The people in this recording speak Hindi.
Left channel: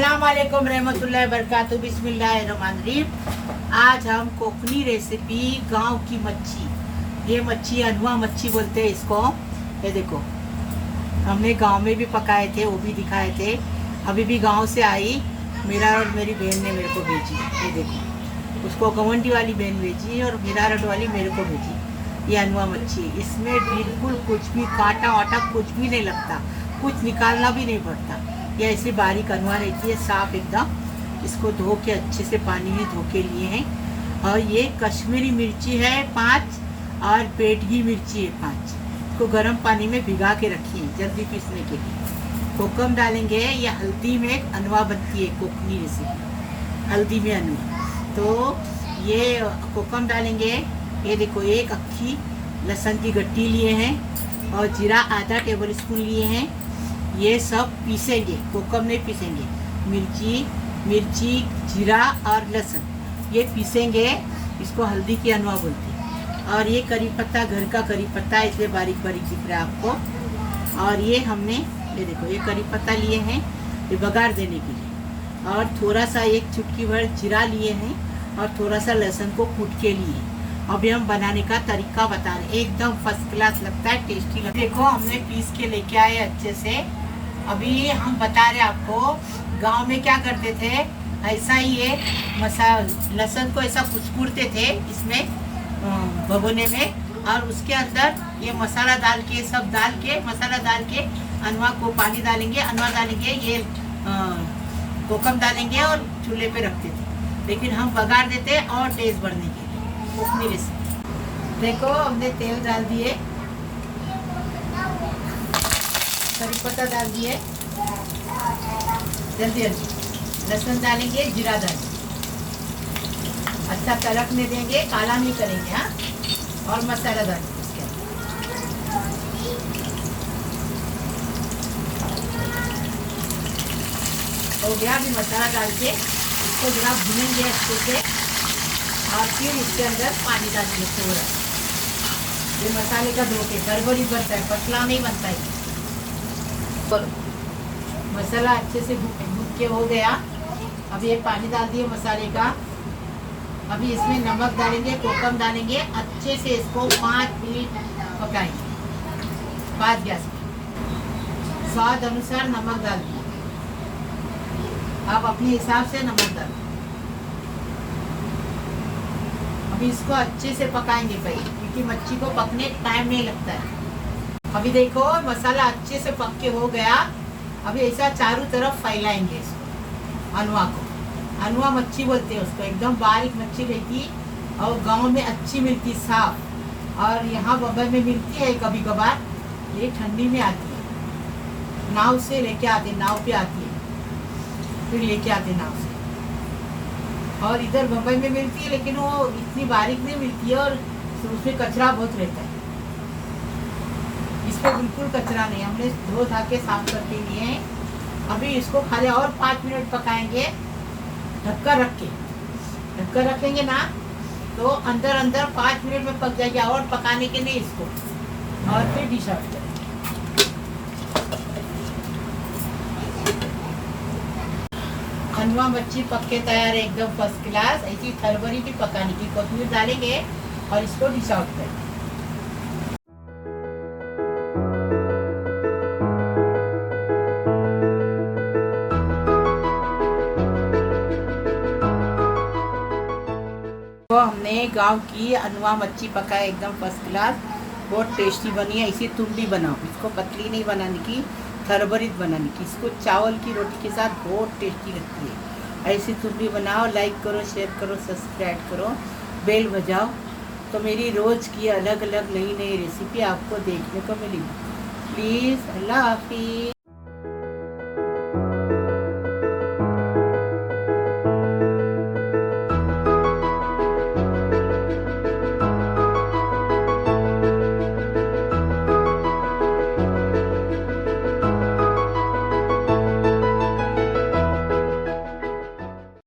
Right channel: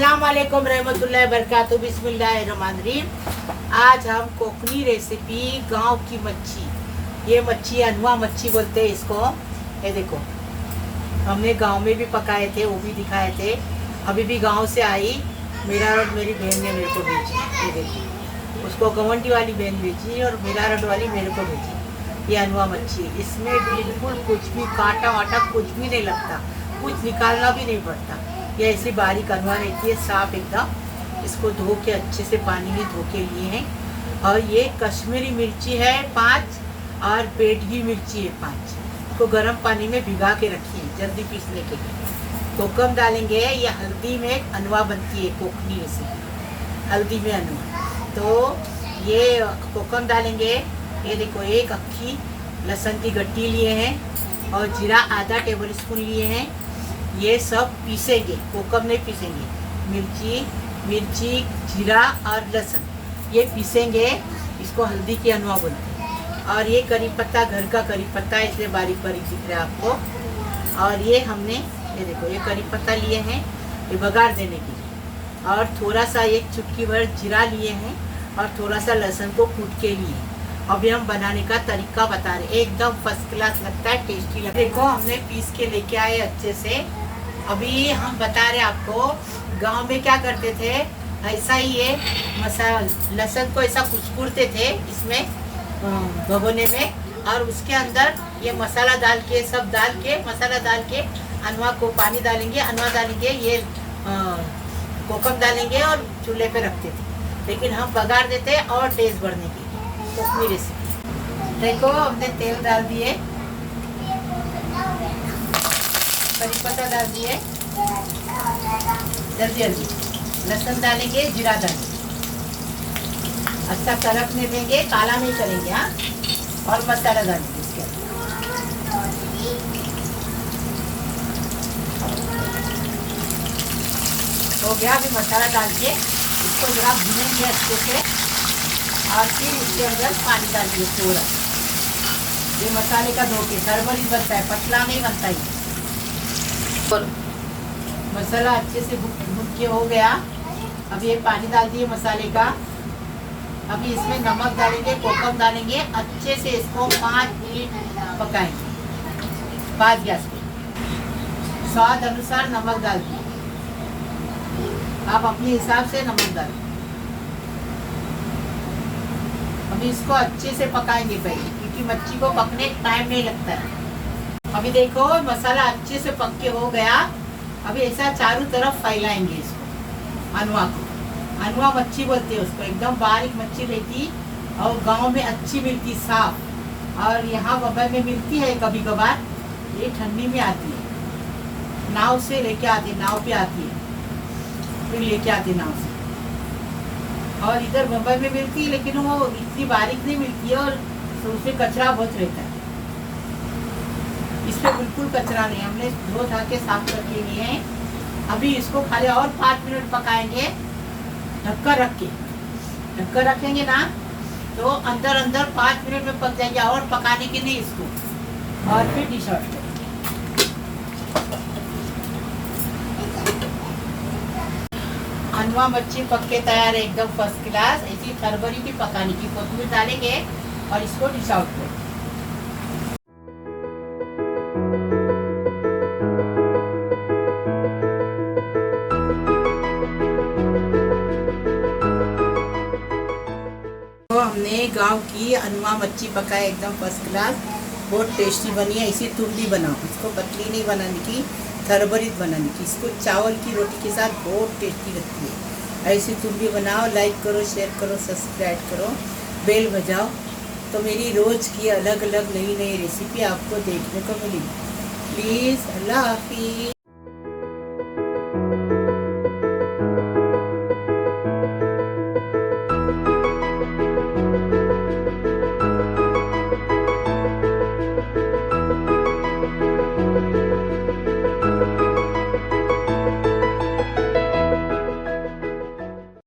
अस्सलाम वालेकुम रहमतुल्लाहि बरकातहू बिस्मिल्लाहिर्रहमानिर्रहीम। आज हम कोकनी रेसिपी गांव की मच्छी, ये मच्छी अनवा मच्छी बोलते हैं इसको। ये देखो, हमने गांव में भी पकाए थे, वो भी दिखाए थे। अभी भी गांव से आई, मेरा और मेरी बहन ने मेरे को भेजी। ये देखिए, उसको गवंडी वाली बहन भेजी और मेरा रट वाली मेरे को भेजी। ये अनवा मच्छी, इसमें बिल्कुल कुछ भी कांटा वाटा कुछ भी नहीं लगता, कुछ निकालना भी नहीं पड़ता। ये ऐसी बारीक अनवा रहती है, साफ एकदम। इसको धो के अच्छे से पानी में धो के लिए हैं। और ये कश्मीरी मिर्ची है 5 और पेटगी मिर्ची है 5। इसको गर्म पानी में भिगा के रखिए जल्दी पीसने के लिए। कोकम डालेंगे, ये हल्दी में अनवा बनती है कोकनी रेसिपी, हल्दी में अनवा। तो ये कोकम डालेंगे। ये देखो, एक अक्खी लहसुन की गट्टी लिए हैं और जीरा आधा टेबल स्पून लिए हैं। ये सब पीसेंगे, कोकम नहीं पीसेंगे। मिर्ची जीरा और लहसुन ये पीसेंगे। इसको हल्दी की अनवा बोलते हैं। और ये करी पत्ता, घर का करी पत्ता है, इसलिए बारीक बारीक दिख रहा है आपको। और ये हमने, ये देखो, ये करी पत्ता लिए हैं ये बघार देने के लिए। और थोड़ा सा एक चुटकी भर जीरा लिए हैं और थोड़ा सा लहसुन को कूट के लिए। अभी हम बनाने का तरीका बता रहे, एकदम फर्स्ट क्लास लगता है, टेस्टी लगता है। देखो, हमने पीस के लेके आए अच्छे से। अभी हम बता रहे आपको, गांव में क्या करते थे, ऐसा ही ये लहसुन को ऐसा कुचकुरते थे इसमें भगोने में, और उसके अंदर ये मसाला डाल के, सब डाल के, मसाला डाल के अनवा को पानी डालेंगे, अनवा डालेंगे, ये कोकम डालेंगे और चूल्हे पे रखते थे। लेकिन हम बघार देते और टेस्ट बढ़ने के कोकनी रेसिपी। देखो, हमने तेल डाल दिए, करी पत्ता डाल दिए, जल्दी जल्दी लहसुन डालेंगे, जीरा डालेंगे, अच्छा तड़कने देंगे, काला नहीं करेंगे। हाँ, और मसाला डालेंगे इसके हो गया। अभी मसाला डाल के इसको जरा भूनेंगे अच्छे से, और फिर इसके अंदर पानी डालिए थोड़ा। ये मसाले का धोके गड़बड़ी बनता है, पतला नहीं बनता है। मसाला अच्छे से भून के हो गया। अब ये पानी डाल दिए मसाले का। अभी इसमें नमक डालेंगे, कोकम डालेंगे, अच्छे से इसको 5 मिनट पकाएंगे 5 गैस पे। स्वाद अनुसार नमक डाल दिए, आप अपने हिसाब से नमक डालें। अभी इसको अच्छे से पकाएंगे पहले, क्योंकि मच्छी को पकने टाइम नहीं लगता है। अभी देखो, मसाला अच्छे से पक के हो गया। अभी ऐसा चारों तरफ फैलाएंगे इसको, अनवा को। अनवा मच्छी बोलते हैं उसको, एकदम बारीक मच्छी रहती और गांव में अच्छी मिलती, साफ। और यहाँ बम्बई में मिलती है कभी कभार, ये ठंडी में आती है, नाव से लेके आती, नाव पे आती है, फिर लेके आती नाव से। और इधर बम्बई में मिलती है, लेकिन वो इतनी बारीक नहीं मिलती है और उसमें कचरा बहुत रहता है। इस पे बिल्कुल कचरा नहीं, हमने धो धा के साफ करके लिए हैं। अभी इसको खाली और 5 मिनट पकाएंगे, ढक्कन रख के। ढक्कन रखेंगे ना तो अंदर अंदर 5 मिनट में पक जाएगी, और पकाने के लिए इसको। और फिर डिश आउट करें। अनवा मच्छी पक के तैयार है, एकदम फर्स्ट क्लास। ऐसी थरबरी भी पकाने की, कोथिंबीर डालेंगे और इसको डिश आउट करें। तो हमने गांव की अनवा मच्छी पकाए, एकदम फर्स्ट क्लास, बहुत टेस्टी बनी है। इसी तुम भी बनाओ, इसको पतली नहीं बनाने की, थरबरीत बनाने की। इसको चावल की रोटी के साथ बहुत टेस्टी लगती है। ऐसी तुम भी बनाओ। लाइक करो, शेयर करो, सब्सक्राइब करो, बेल बजाओ, तो मेरी रोज़ की अलग अलग नई नई रेसिपी आपको देखने को मिलेगी। प्लीज़, अल्लाह हाफिज़।